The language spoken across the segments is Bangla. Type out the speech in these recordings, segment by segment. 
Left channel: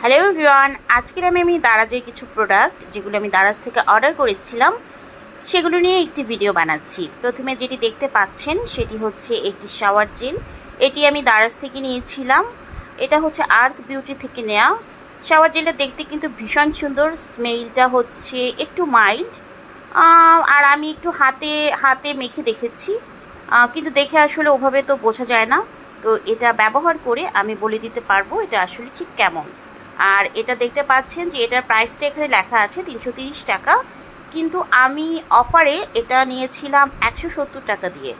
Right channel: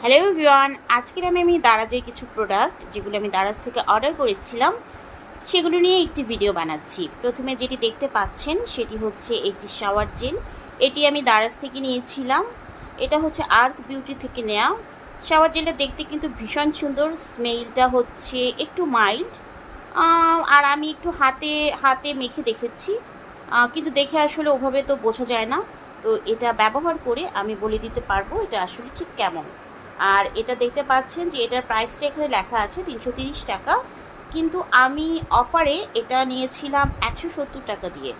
হ্যালো এভরিওয়ান, আজকের আমি দারাজের কিছু প্রোডাক্ট যেগুলো আমি দারাজ থেকে অর্ডার করেছিলাম সেগুলো নিয়ে একটি ভিডিও বানাচ্ছি। প্রথমে যেটি দেখতে পাচ্ছেন সেটি হচ্ছে একটি শাওয়ার জেল। এটি আমি দারাজ থেকে নিয়েছিলাম। এটা হচ্ছে আর্থ বিউটি থেকে নেওয়া। শাওয়ার জেলটা দেখতে কিন্তু ভীষণ সুন্দর, স্মেলটা হচ্ছে একটু মাইল্ড। আর আমি একটু হাতে হাতে মেখে দেখেছি, কিন্তু দেখে আসলে ওভাবে তো বোঝা যায় না। তো এটা ব্যবহার করে আমি বলে দিতে পারবো এটা আসলে ঠিক কেমন। আর এটা দেখতে পাচ্ছেন যে এটার প্রাইসটা এখানে লেখা আছে 330 টাকা, কিন্তু আমি অফারে এটা নিয়েছিলাম 170 টাকা দিয়ে।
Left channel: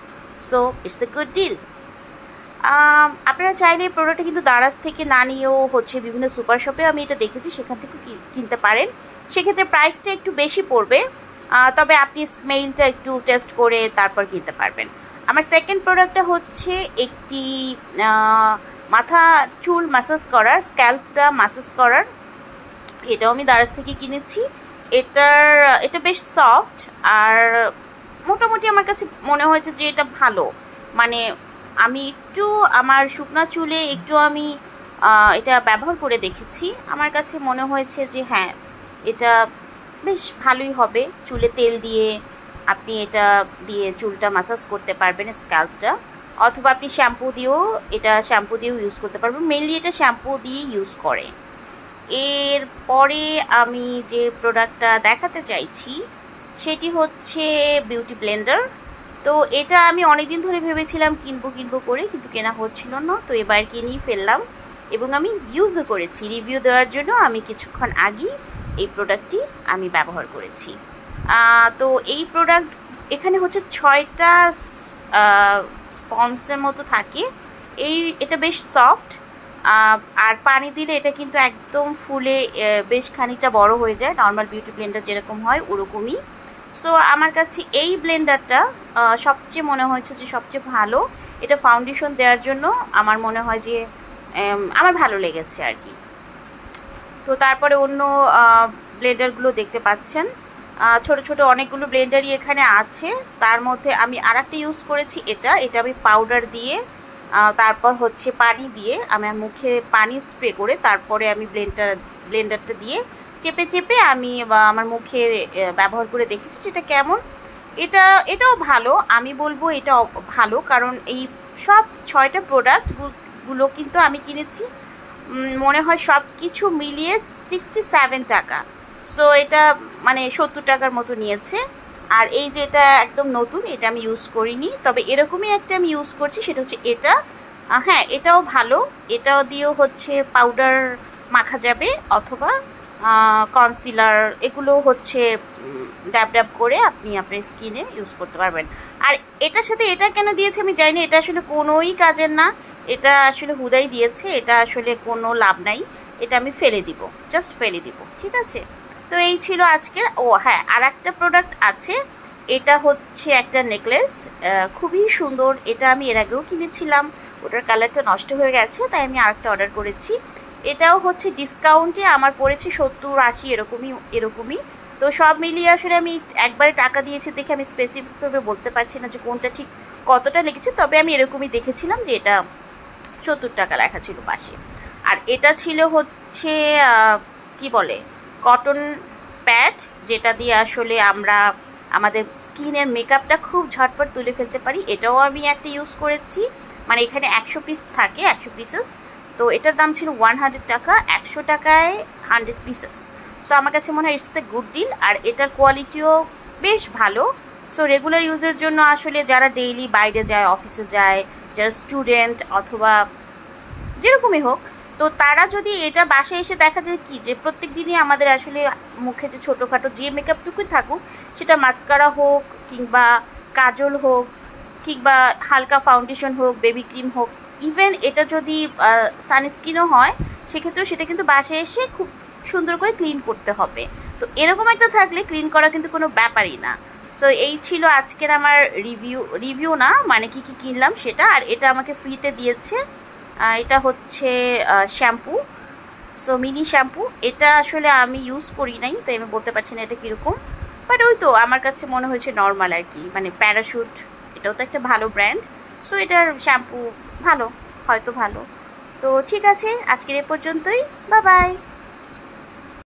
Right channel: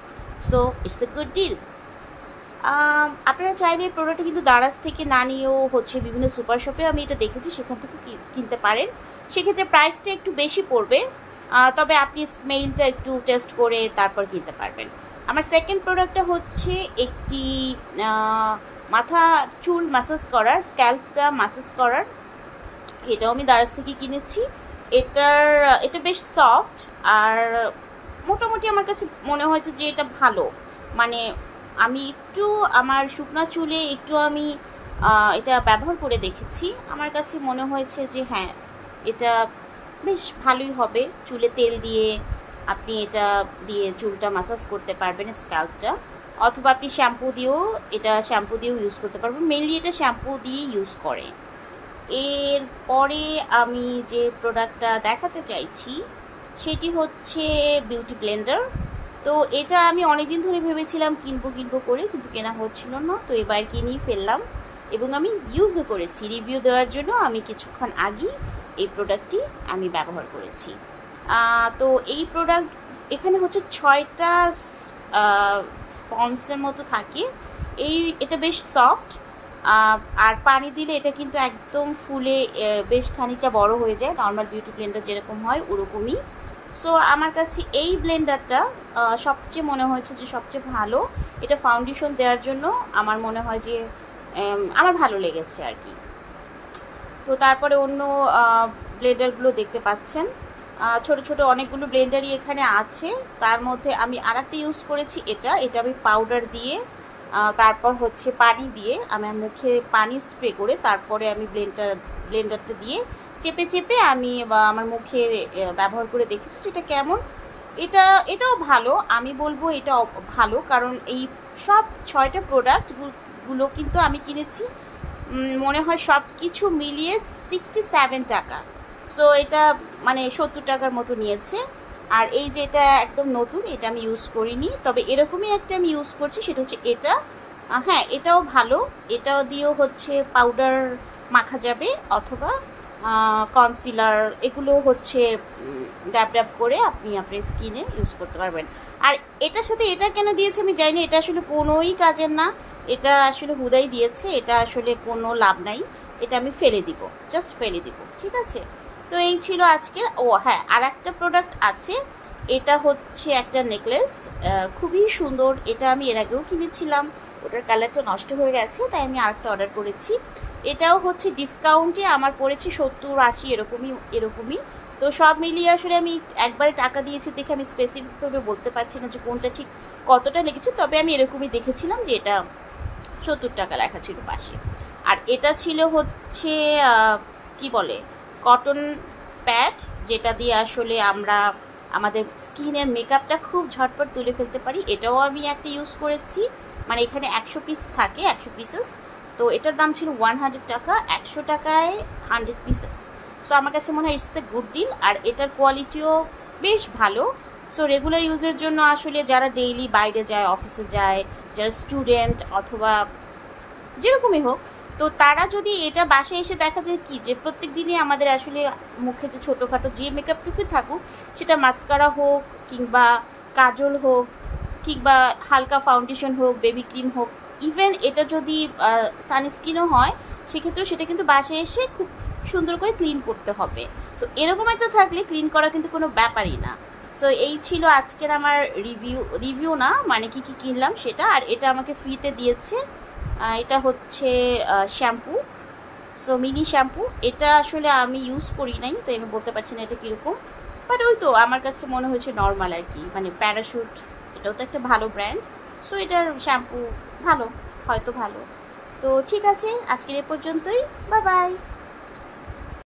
So it's a good deal. আপনারা চাইলে প্রোডাক্টটা কিন্তু দারাজ থেকে না নিয়েও হচ্ছে বিভিন্ন সুপার শপে আমি এটা দেখেছি সেখান থেকে কিনতে পারেন। সেক্ষেত্রে প্রাইসটা একটু বেশি পড়বে, তবে আপনি স্মেলটা একটু টেস্ট করে তারপর কিনতে পারবেন। আমার সেকেন্ড প্রোডাক্টটা হচ্ছে একটি মাথা চুল ম্যাসাজ করার, স্ক্যাল্পটা ম্যাসাজ করার। এটাও আমি দারাজ থেকে কিনেছি। এটা বেশ সফট, আর মোটামুটি আমার কাছে মনে হয়েছে যে এটা ভালো। মানে আমি একটু আমার শুকনো চুলে একটু আমি এটা ব্যবহার করে দেখেছি, আমার কাছে মনে হয়েছে যে হ্যাঁ, এটা বেশ ভালোই হবে। চুলে তেল দিয়ে আপনি এটা দিয়ে চুলটা ম্যাসাজ করতে পারবেন, স্ক্যাল্পটা, অথবা আপনি শ্যাম্পু দিয়েও ইউজ করতে পারবেন। মেনলি এটা শ্যাম্পু দিয়ে ইউজ করে। এরপরে আমি যে প্রোডাক্টটা দেখাতে চাইছি সেটি হচ্ছে বিউটি ব্লেন্ডার। তো এটা আমি অনেকদিন ধরে ভেবেছিলাম কিনবো করে, কিন্তু কেনা হচ্ছিল না। তো এবার কিনেই ফেললাম এবং আমি ইউজও করেছি। রিভিউ দেওয়ার জন্য আমি কিছুক্ষণ আগেই এই প্রোডাক্টটি আমি ব্যবহার করেছি। তো এই প্রোডাক্ট এখানে হচ্ছে 6টা স্পঞ্জের মতো থাকে। এটা বেশ সফট, আর পানি দিলে এটা কিন্তু একদম ফুলে বেশ খানিকটা বড় হয়ে যায়, নর্মাল বিউটি ব্লেন্ডার যেরকম হয় ওরকমই। সো আমার কাছে এই ব্লেন্ডারটা সবচেয়ে মনে হয়েছে যে সবচেয়ে ভালো। এটা ফাউন্ডেশন দেওয়ার জন্য আমার মনে হয় যে আমার ভালো লেগেছে আর কি। তো তারপরে অন্য ব্লেন্ডারগুলো দেখতে পাচ্ছেন, ছোট ছোট অনেকগুলো ব্লেন্ডারই এখানে আছে। তার মধ্যে আমি আরেকটা ইউজ করেছি, এটা আমি পাউডার দিয়ে তারপর হচ্ছে পানি দিয়ে আমার মুখে পানি স্প্রে করে তারপরে আমি ব্লেন্ডারটা দিয়ে চেপে আমি আমার মুখে ব্যবহার করে দেখেছি যেটা কেমন। এটাও ভালো, আমি বলবো এটা ভালো, কারণ এই সব 6টা প্রোডাক্টগুলো কিন্তু আমি কিনেছি মনে হয় সব কিছু মিলিয়ে 67 টাকা। সো এটা মানে 70 টাকার মতো নিয়েছে। আর এই যে এটা একদম নতুন, এটা আমি ইউজ করিনি, তবে এরকমই একটা আমি ইউজ করছি, সেটা হচ্ছে এটা। হ্যাঁ, এটাও ভালো। এটাও দিয়েও হচ্ছে পাউডার মাখা যাবে, অথবা কনসিলার, এগুলো হচ্ছে ড্যাব করে আপনি আপনার স্কিনে ইউজ করতে পারবেন। আর এটার সাথে এটা কেন দিয়েছে আমি জানি না, এটা আসলে কোনোই কাজের না। এটা আসলে হুদাই দিয়েছে, এটা আসলে কোনো লাভ নাই। এটা আমি ফেলে দিব, জাস্ট ফেলে দিব, ঠিক আছে। তো এই ছিল আজকে। ও হ্যাঁ, আর একটা প্রোডাক্ট আছে, এটা হচ্ছে একটা নেকলেস, খুবই সুন্দর। এটা আমি এর আগেও কিনেছিলাম, ওটার কালারটা নষ্ট হয়ে গেছে, তাই আমি আরেকটা অর্ডার করেছি। এটাও হচ্ছে ডিসকাউন্টে আমার পড়েছে 70-80 এরকমই। তো সব মিলিয়ে আসলে আমি একবারে টাকা দিয়েছি দেখে আমি স্পেসিফিকভাবে বলতে পারছি না যে কোনটা ঠিক কতটা লেগেছে, তবে আমি এরকমই দেখেছিলাম যে এটা 70 টাকা লেখা ছিল পাশে। আর এটা ছিল হচ্ছে কি বলে, কটন প্যাড, যেটা দিয়ে আসলে আমরা আমাদের স্কিনের মেকআপটা খুব ঝটপট তুলে ফেলতে পারি। এটাও আমি একটা ইউজ করেছি, মানে এখানে 100 পিস থাকে, 100 পিসেস। তো এটার দাম ছিল 100 টাকা, 100 টাকায় 100 পিসেস। সো আমার কাছে মনে হয় ইটস এ গুড ডিল। আর এটার কোয়ালিটিও বেশ ভালো। সো রেগুলার ইউজের জন্য আসলে যারা ডেইলি বাইরে যায়, অফিসে যায়, যারা স্টুডেন্ট অথবা যেরকমই হোক, তো তারা যদি এটা বাসায় এসে দেখা যায় কি যে প্রত্যেক দিনই আমাদের আসলে মুখে যে ছোটোখাটো যে মেকআপটুকুই থাকুক, সেটা মাস্কারা হোক কিংবা কাজল হোক কিংবা হালকা ফাউন্ডেশন হোক, বেবি ক্রিম হোক, ইভেন এটা যদি সানস্ক্রিনও হয়, সেক্ষেত্রেও সেটা কিন্তু বাসায় এসে খুব সুন্দর করে ক্লিন করতে হবে। তো এরকম একটা থাকলে ক্লিন করা কিন্তু কোনো ব্যাপারই না। সো এই ছিল আজকের আমার রিভিউ না, মানে কি কিনলাম সেটা। আর এটা আমাকে ফ্রিতে দিয়েছে। এটা হচ্ছে শ্যাম্পু, সো মিনি শ্যাম্পু। এটা আসলে আমি ইউজ করি নাই, তো আমি বলতে পারছি না এটা কীরকম, বাট ওই তো আমার কাছে মনে হয়েছে নর্মাল আর কি। মানে প্যারাশুট, এটাও তো একটা ভালো ব্র্যান্ড, সো এটার শ্যাম্পু ভালো, হয়তো ভালো। তো ঠিক আছে, আজকের এ পর্যন্তই। Bye bye.